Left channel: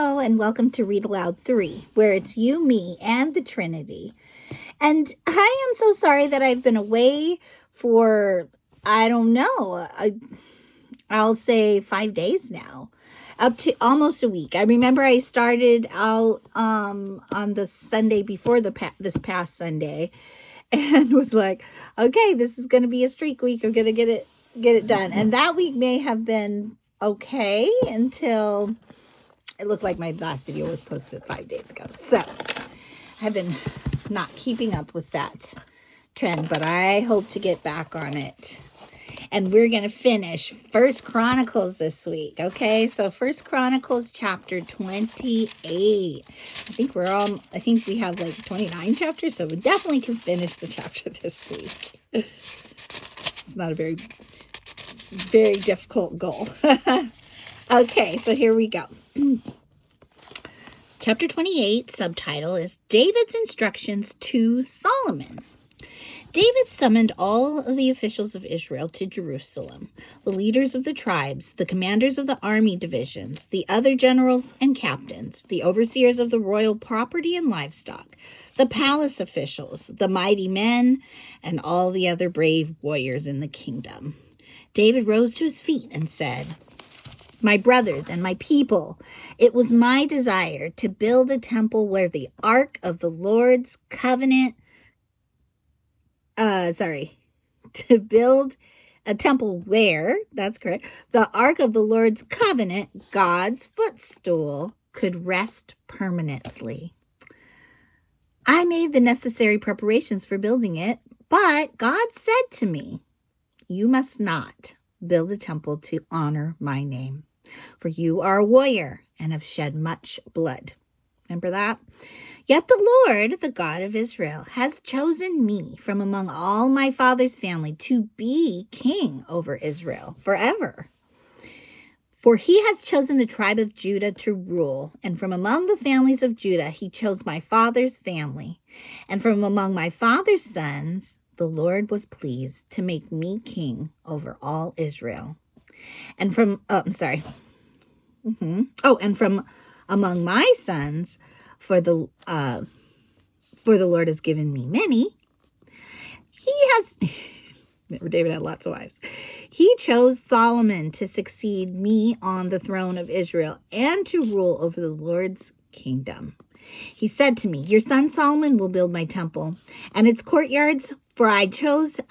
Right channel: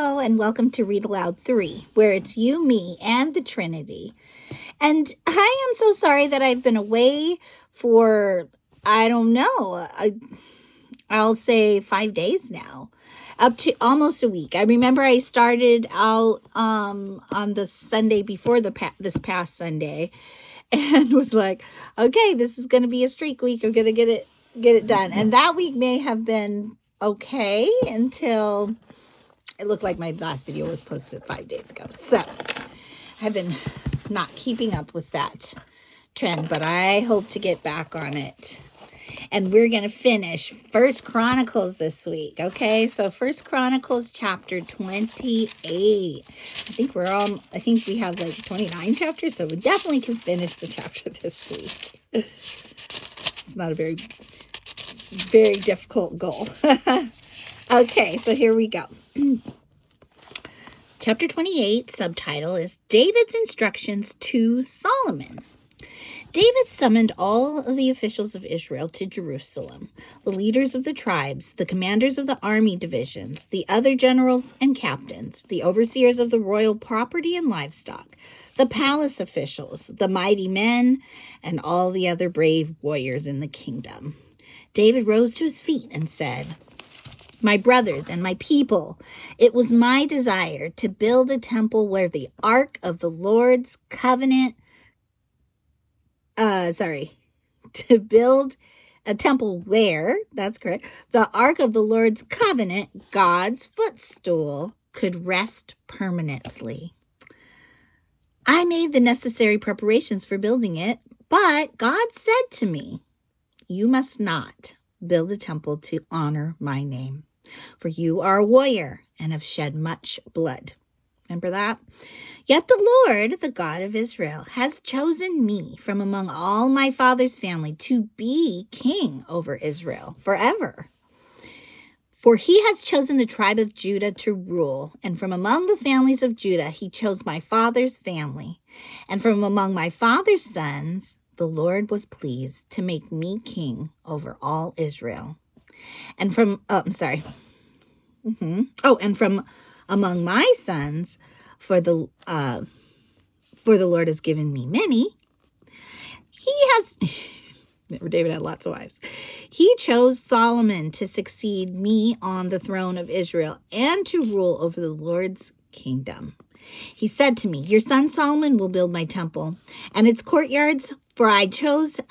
Hello, and welcome to Read Aloud 3, where it's you, me, and the Trinity. And I am so sorry that I've been away for, I don't know, I'll say 5 days now, up to almost a week. I remember I started out on the Sunday before this past Sunday, and was like, okay, this is going to be a streak week. I'm going to get it done. And that week may have been okay until it looked like my last video was posted 5 days ago. So I've been not keeping up with that trend, but I hope to get back on it. And we're going to finish First Chronicles this week. Okay, so First Chronicles chapter 28. I think we have like 29 chapters, so we definitely can finish the chapter this week. It's not a very, very difficult goal. Okay, so here we go. Chapter 28, subtitle is David's Instructions to Solomon. David summoned all of the officials of Israel to Jerusalem, the leaders of the tribes, the commanders of the army divisions, the other generals and captains, the overseers of the royal property and livestock, the palace officials, the mighty men, and all the other brave warriors in the kingdom. David rose to his feet and said, "My brothers and my people, it was my desire to build a temple where the ark of the Lord's covenant to build a temple where, that's correct, the ark of the Lord's covenant, God's footstool, could rest permanently. I made the necessary preparations for building it, but God said to me, 'You must not build a temple to honor my name, for you are a warrior and have shed much blood.'" Remember that? "Yet the Lord, the God of Israel, has chosen me from among all my father's family to be king over Israel forever. For he has chosen the tribe of Judah to rule, and from among the families of Judah he chose my father's family. And from among my father's sons, the Lord was pleased to make me king over all Israel. And from among my sons, for the Lord has given me many. David had lots of wives. He chose Solomon to succeed me on the throne of Israel and to rule over the Lord's kingdom. He said to me, 'Your son Solomon will build my temple and its courtyards, for I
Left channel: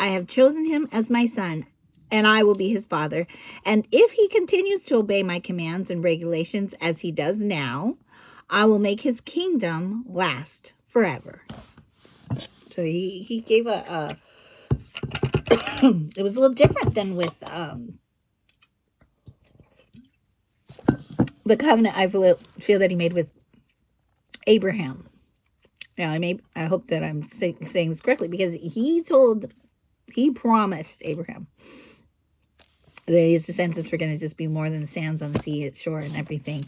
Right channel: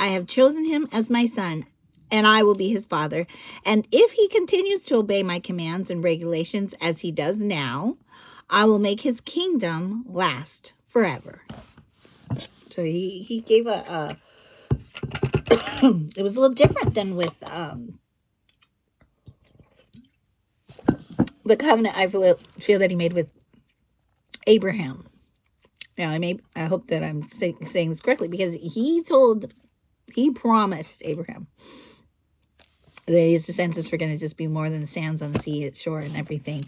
have chosen him as my son, and I will be his father. And if he continues to obey my commands and regulations as he does now, I will make his kingdom last forever.'" So he gave it was a little different than with the covenant I feel that he made with Abraham. Now, I hope that I'm saying this correctly, because he promised Abraham that his descendants were going to just be more than the sands on the sea shore and everything.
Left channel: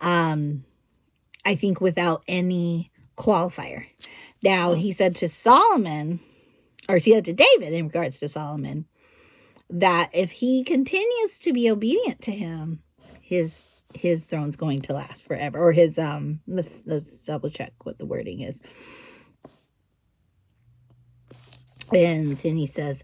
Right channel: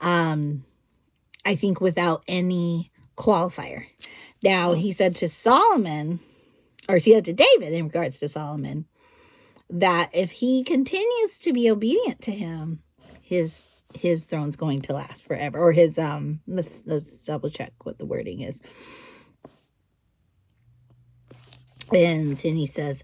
I think without any qualifier. Now, he said to David in regards to Solomon, that if he continues to be obedient to him, his throne's going to last forever. Or his, let's double check what the wording is. And then he says,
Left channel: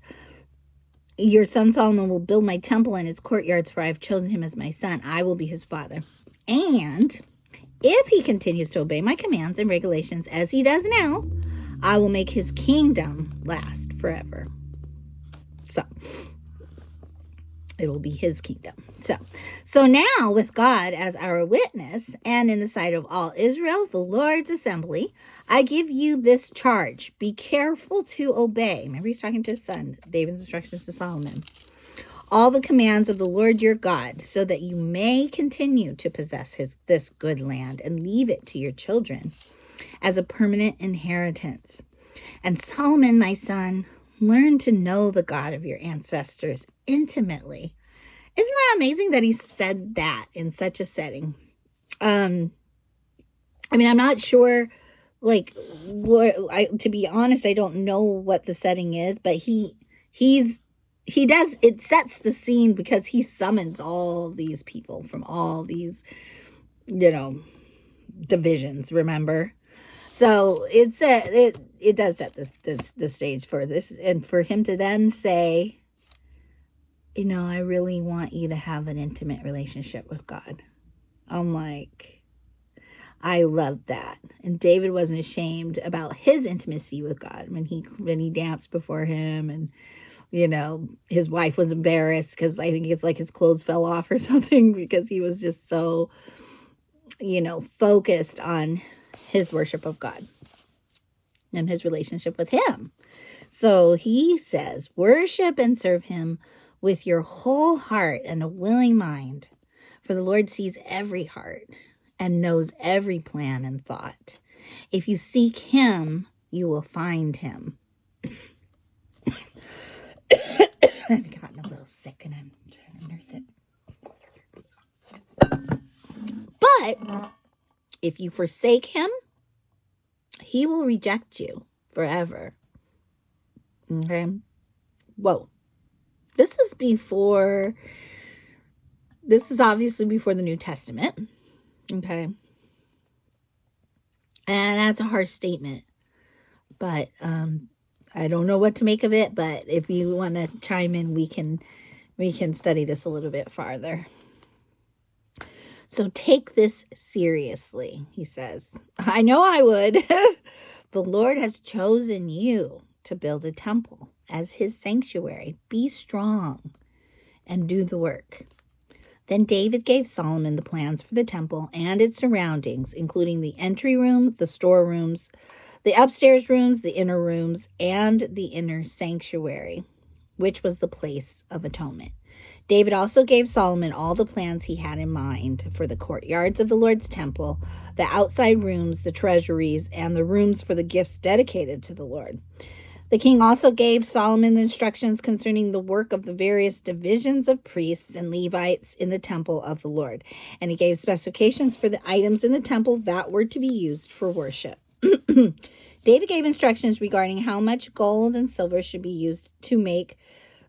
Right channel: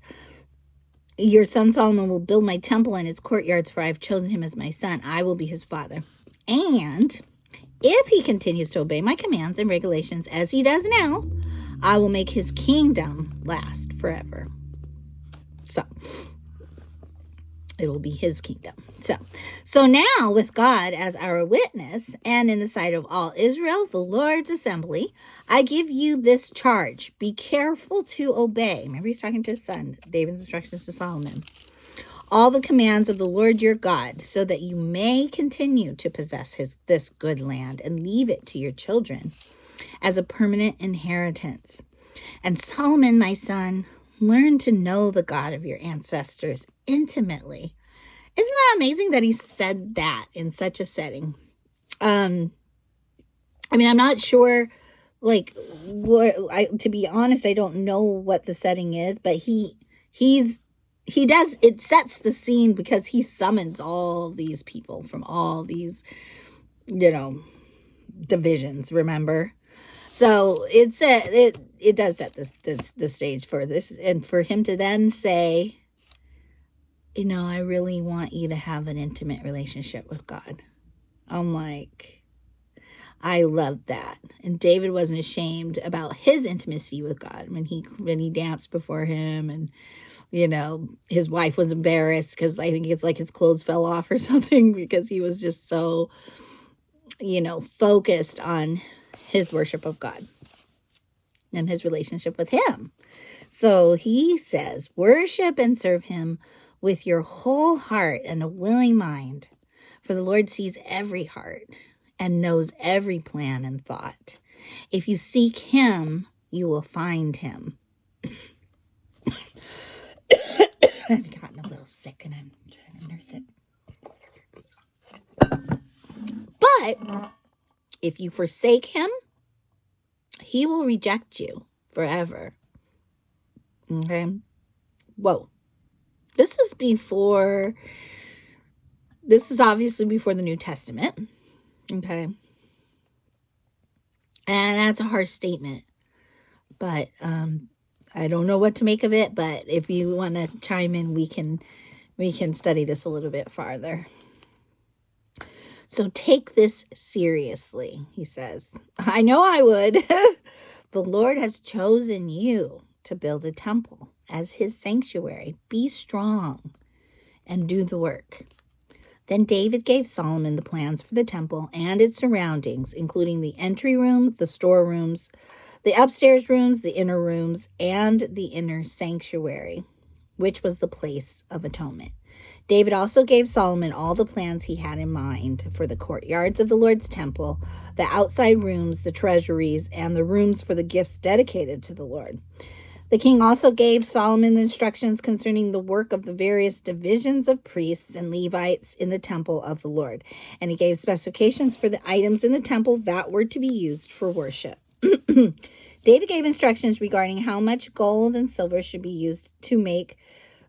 "Your son Solomon will build my temple and its courtyards, for I have chosen him as my son. I will be his father. And if he continues to obey my commands and regulations as he does now, I will make his kingdom last forever." So it will be his kingdom. So now, with God as our witness and in the sight of all Israel, the Lord's assembly, I give you this charge. Be careful to obey. Remember, he's talking to his son, David's instructions to Solomon. "All the commands of the Lord your God, so that you may continue to possess this good land and leave it to your children as a permanent inheritance. And Solomon, my son, learn to know the God of your ancestors intimately." Isn't that amazing that he said that in such a setting? I'm not sure, to be honest, I don't know what the setting is, but it sets the scene, because he summons all these people from all these divisions, remember? So it does set the stage for this, and for him to then say, I really want you to have an intimate relationship with God. I'm like, I love that. And David wasn't ashamed about his intimacy with God when he danced before him, and his wife was embarrassed because I think it's like his clothes fell off or something, because he was just so focused on his worship of God and his relationship with him. So he says, worship and serve him with your whole heart and a willing mind, for the Lord sees every heart and knows every plan and thought. If you seek him, you will find him. I've gotten a little sick and I'm trying to nurse it. But if you forsake him, he will reject you forever. Okay? Whoa. This is obviously before the New Testament. Okay? And that's a harsh statement. But I don't know what to make of it, but if you want to chime in, we can study this a little bit farther. So take this seriously, he says. I know I would. The Lord has chosen you to build a temple as his sanctuary. Be strong and do the work. Then David gave Solomon the plans for the temple and its surroundings, including the entry room, the storerooms, the upstairs rooms, the inner rooms, and the inner sanctuary, which was the place of atonement. David also gave Solomon all the plans he had in mind for the courtyards of the Lord's temple, the outside rooms, the treasuries, and the rooms for the gifts dedicated to the Lord. The king also gave Solomon instructions concerning the work of the various divisions of priests and Levites in the temple of the Lord, and he gave specifications for the items in the temple that were to be used for worship. David gave instructions regarding how much gold and silver should be used to make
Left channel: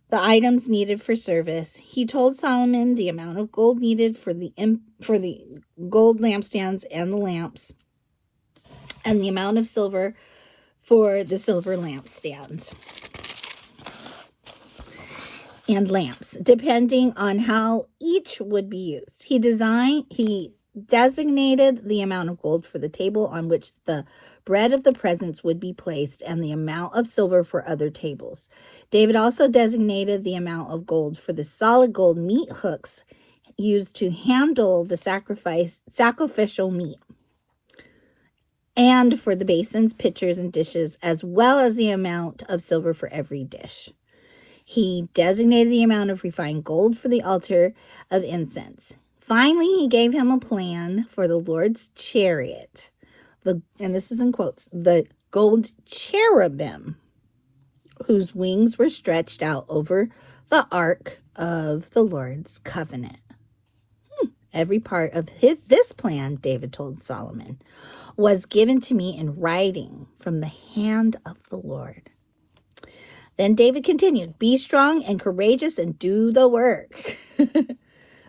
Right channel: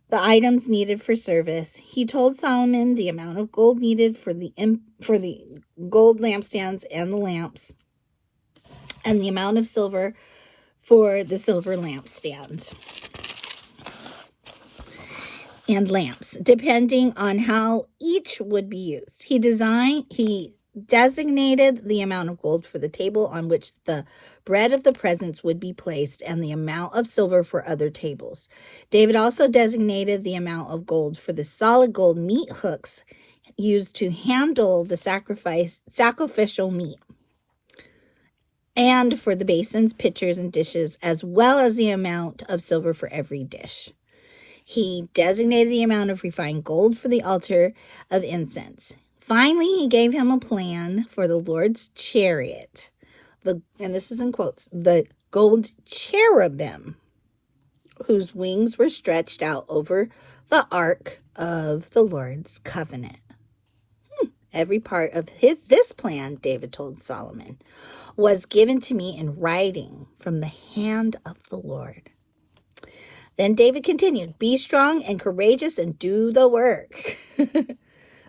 the items needed for service. He told Solomon the amount of gold needed for the gold lampstands and the lamps, and the amount of silver for the silver lampstands and lamps, depending on how each would be used. He designated the amount of gold for the table on which the bread of the presence would be placed, and the amount of silver for other tables. David also designated the amount of gold for the solid gold meat hooks used to handle the sacrificial meat, and for the basins, pitchers, and dishes, as well as the amount of silver for every dish. He designated the amount of refined gold for the altar of incense. Finally, he gave him a plan for the Lord's chariot, and this is in quotes, the gold cherubim, whose wings were stretched out over the ark of the Lord's covenant. Every part of this plan, David told Solomon, was given to me in writing from the hand of the Lord. Then David continued, be strong and courageous and do the work.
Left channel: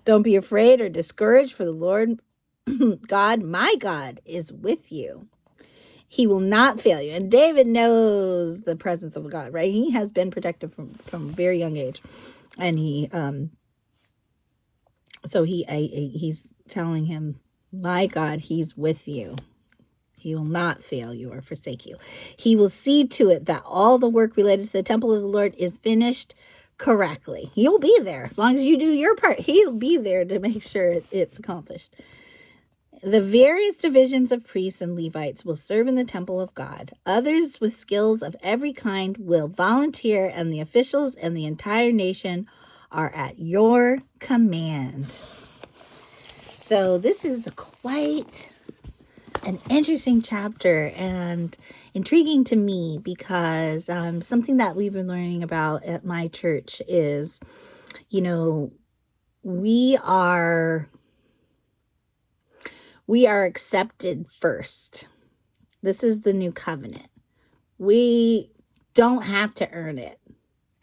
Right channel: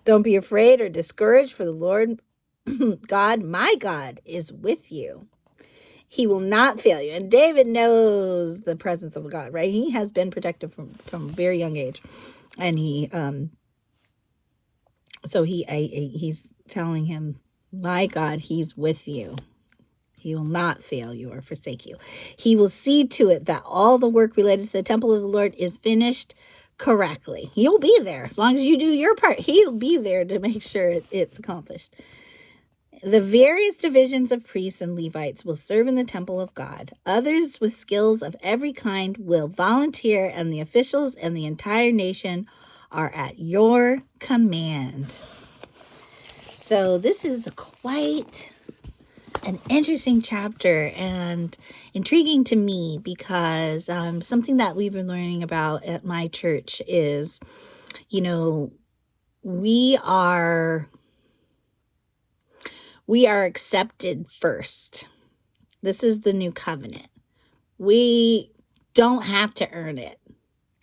Don't be afraid or discouraged, for the Lord God, my God, is with you. He will not fail you. And David knows the presence of God, right? He has been protected from a very young age. And he's telling him, my God, he's with you. He will not fail you or forsake you. He will see to it that all the work related to the temple of the Lord is finished correctly. He'll be there. As long as you do your part, he'll be there to make sure it's accomplished. The various divisions of priests and Levites will serve in the temple of God. Others with skills of every kind will volunteer, and the officials and the entire nation are at your command. So this is quite an interesting chapter and intriguing to me, because something that we've been learning about at my church is, we are accepted first. This is the new covenant. We don't have to earn it.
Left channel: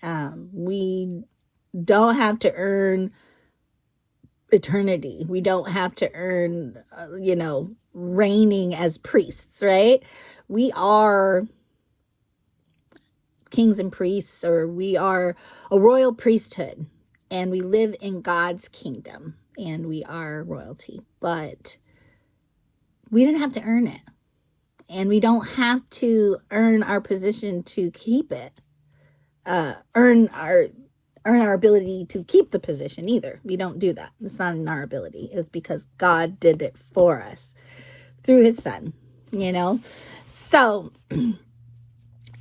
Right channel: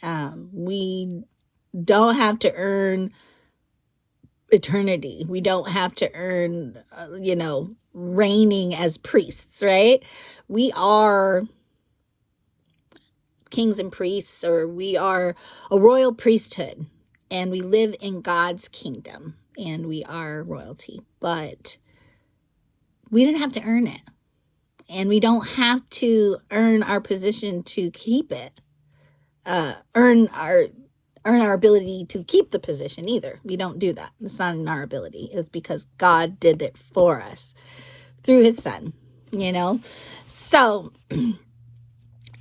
We don't have to earn eternity. We don't have to earn, reigning as priests, right? We are kings and priests, or we are a royal priesthood, and we live in God's kingdom, and we are royalty. But we didn't have to earn it, and we don't have to earn our position to keep it. Earn our ability to keep the position either. We don't do that. It's not in our ability. It's because God did it for us through his son, So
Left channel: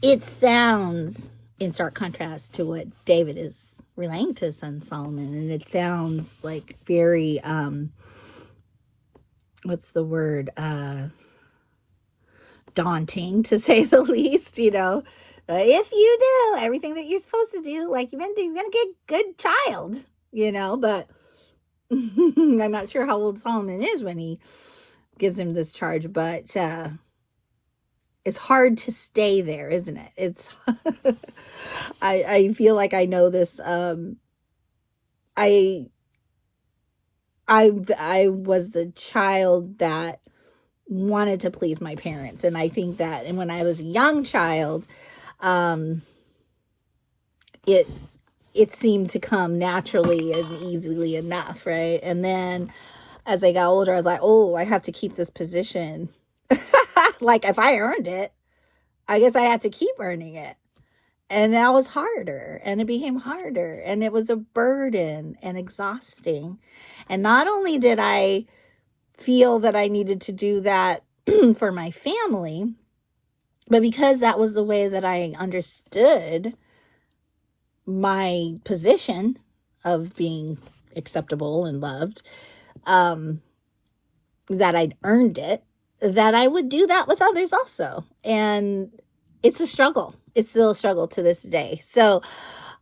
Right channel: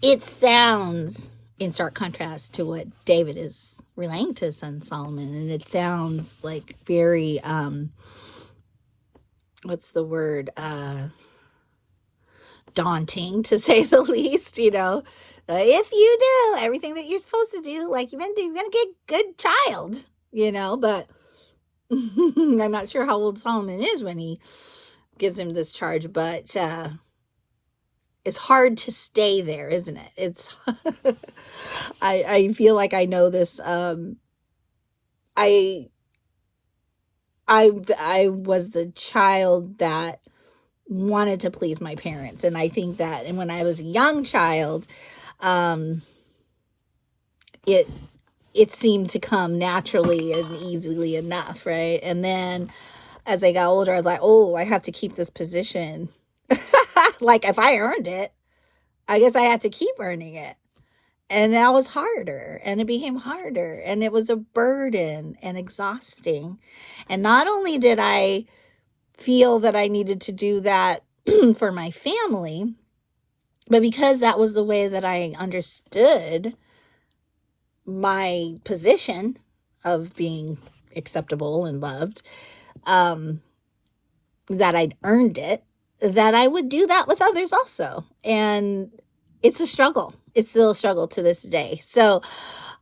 it sounds in stark contrast to what David is relaying to his son Solomon. And it sounds like very, daunting, to say the least, If you do everything that you're supposed to do, like you're going to get a good child, but I'm not sure how old Solomon is when he gives him this charge, but it's hard to stay there, isn't it? It's, I feel like I know this. I was the child that wanted to please my parents. And I think that, and when I was a young child, it seemed to come naturally and easily enough, right? And then as I got older, I was like, oh, I have to keep this position. Like if I earned it, I guess I had to keep earning it. And that was harder, and it became harder, and it was a burden and exhausting. And not only did I feel that I needed to do that for my family, but because that was the way that I understood my position of being acceptable and loved, that I'd earned it, that I would do that with others also. And it's a struggle. It's still a struggle to this day. So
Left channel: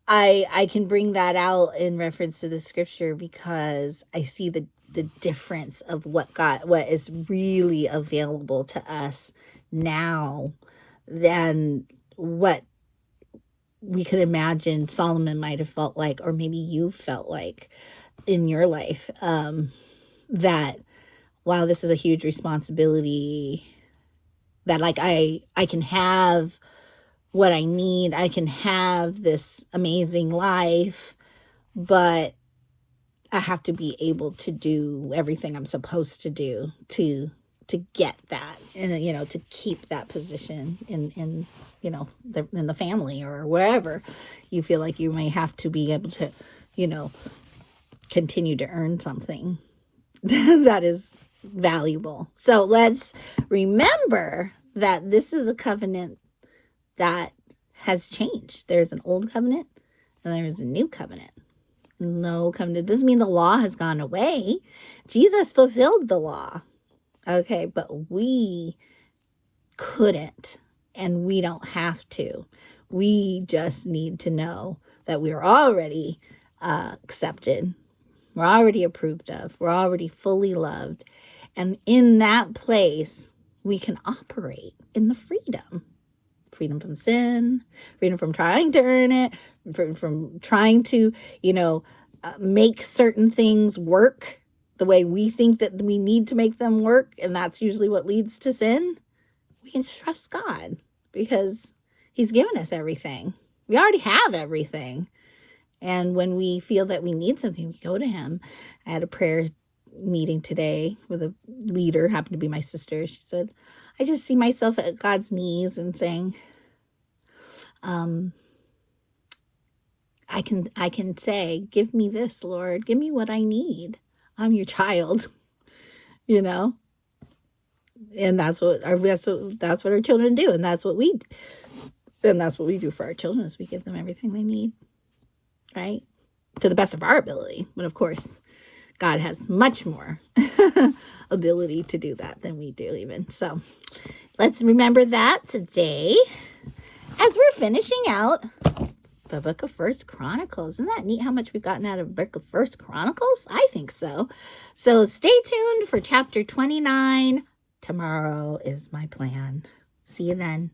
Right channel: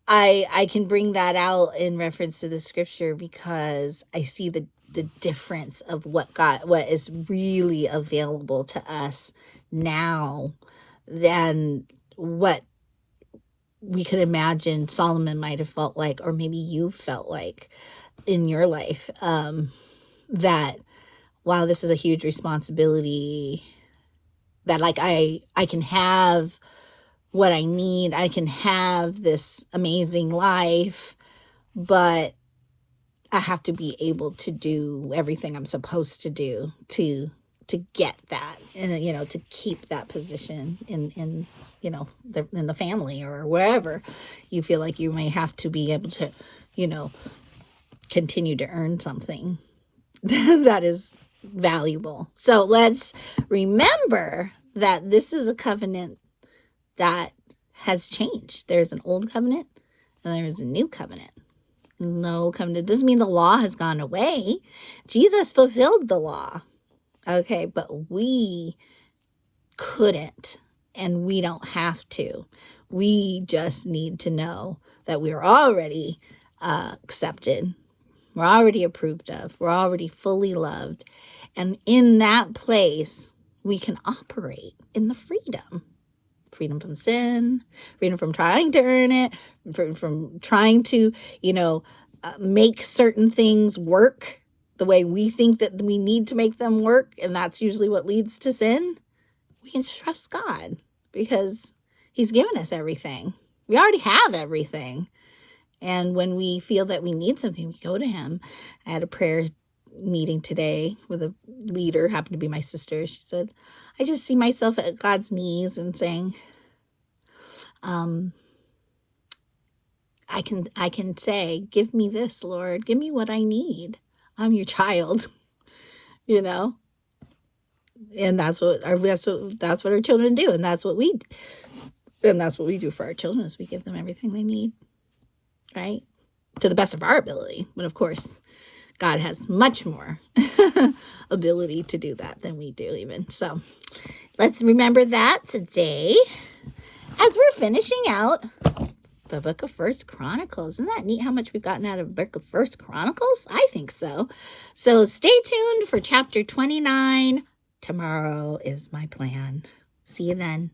I can bring that out in reference to the scripture because I see the difference of what is really available to us now than what we could imagine Solomon might have felt like, or maybe you felt like in your life, that, wow, this is a huge responsibility, that like I can have what I need, I can have this amazing life, but I have to be able to do everything I'm supposed to do to get that, and to keep that position in the family or wherever you feel like you may have to be able to continue to earn something that is valuable. So let's remember that this is a covenant that has changed. There's an old covenant and there's a new covenant. The old covenant doesn't mean the law has gone away. Jesus fulfilled the law. Okay, but we couldn't, and we don't have to. We just need to know that we're already accepted. We're already approved of. We're already fully loved. And in that place, we can operate in the freedom. Freedom from sin, freedom from trying to earn it, from trying to, make certain things work the way we think that we need to make them work. And that's usually what leads to sin. We can trust God because he's given us everything. We already have everything. And when we feel that we need something, we go to him. I had a prayer meeting today with a leader, happened to be my sister. She said, I just see myself at God's knees and saying, I can say, give me this, Lord, give me what I need. I'm your child, and that's what our children do, and that's what we do for our children, is we give them everything they need, right, to the best of our ability. But of course, God has much more ability to do that than we do, even. So let's remember that today as we're finishing out the book of First Chronicles. Isn't that neat how much we've gotten out of the book of First Chronicles? I think so. So stay tuned for chapter 29. Tomorrow is my plan. See you then.